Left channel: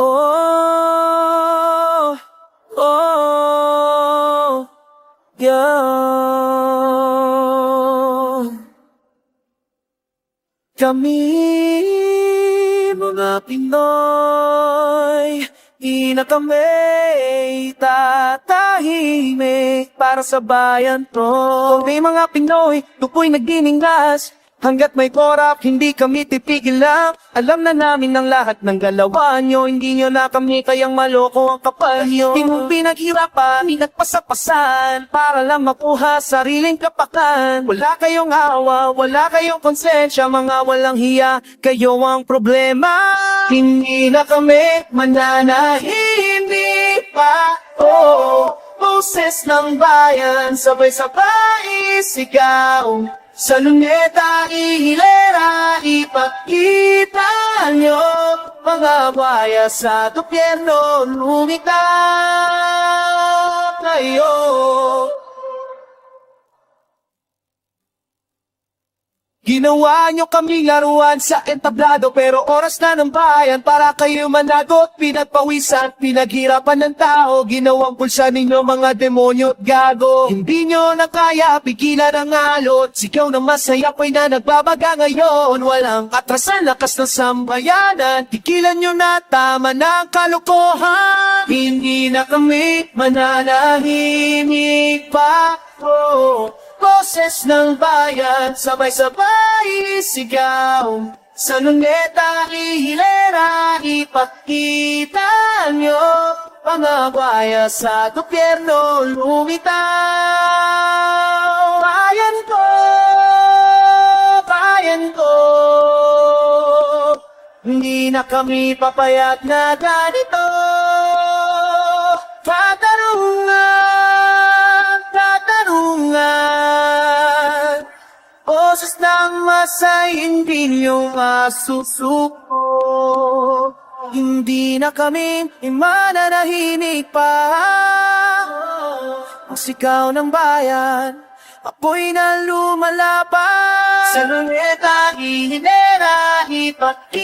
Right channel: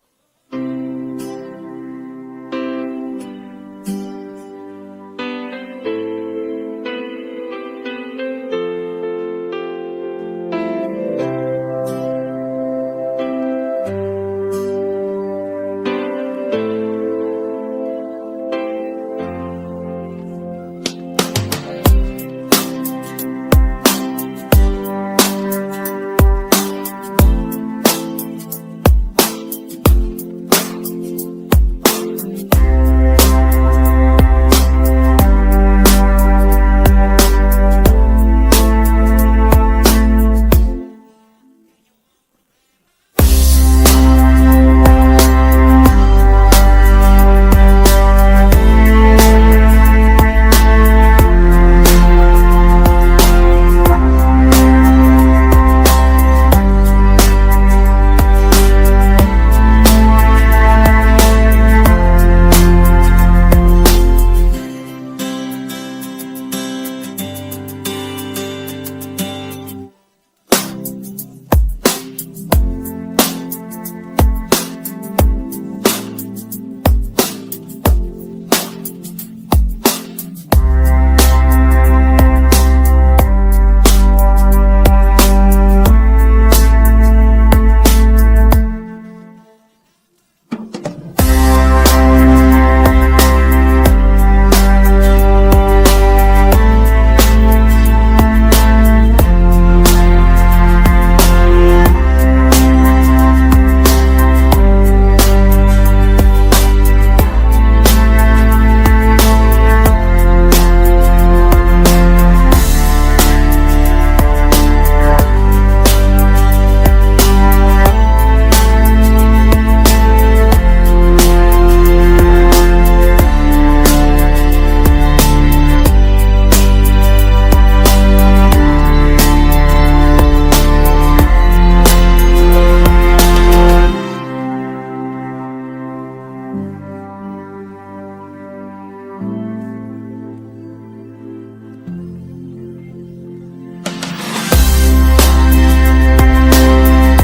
Oh, oh, yeah. Kami mga Pinoy, di na kami tatahimik para sa bayan to. Kami mga Pinoy, tupoy nagnininglas. Hanggat may korap, hindi kami titigil lang. Alam na namin ang lahat ng galawan nyo. Hindi nyo na kami kayang maloko ang kapal nyo. Di mo pinaghirapan, pinagpasapasan para lang makuha sariling kapakanan. Wala kayong awa, wala kayong konsensya. Mga walang hiya, kayo ang problema. Hindi na kami mananahimik pa. Oh, boses ng bayan, sabay-sabay sigaw. Sa luneta, ihilera, ipakita nyo. Mga baya sa gobyerno, lumitaw kayo. Ginawa nyo kami laruan sa entablado, pero oras na ng bayan para kayo managot. Pinagpawisan, pinaghirapan ng tao, ginawang pulsa ninyo mga demonyo at gago. Hindi nyo na kaya pigilan ang alot, sigaw na masaya ko'y na nagbabaga ngayon. Walang atrasan, lakas ng sambayanan, tigilan nyo na, tama ng kalokohan. Hindi na kami mananahimik pa. Oh, boses ng bayan, sabay-sabay sigaw. Sa luneta, ihilera, ipakita nyo. Mga baya sa gobyerno, lumitaw. Bayan ko, bayan ko. Hindi na kami papayag na ganito. Katarungan, boses ng masay, hindi nyo masusuko. Hindi na kami mananahimik pa. Ang sigaw ng bayan, apoy na lumalaban. Sa luneta, inilera, ipakita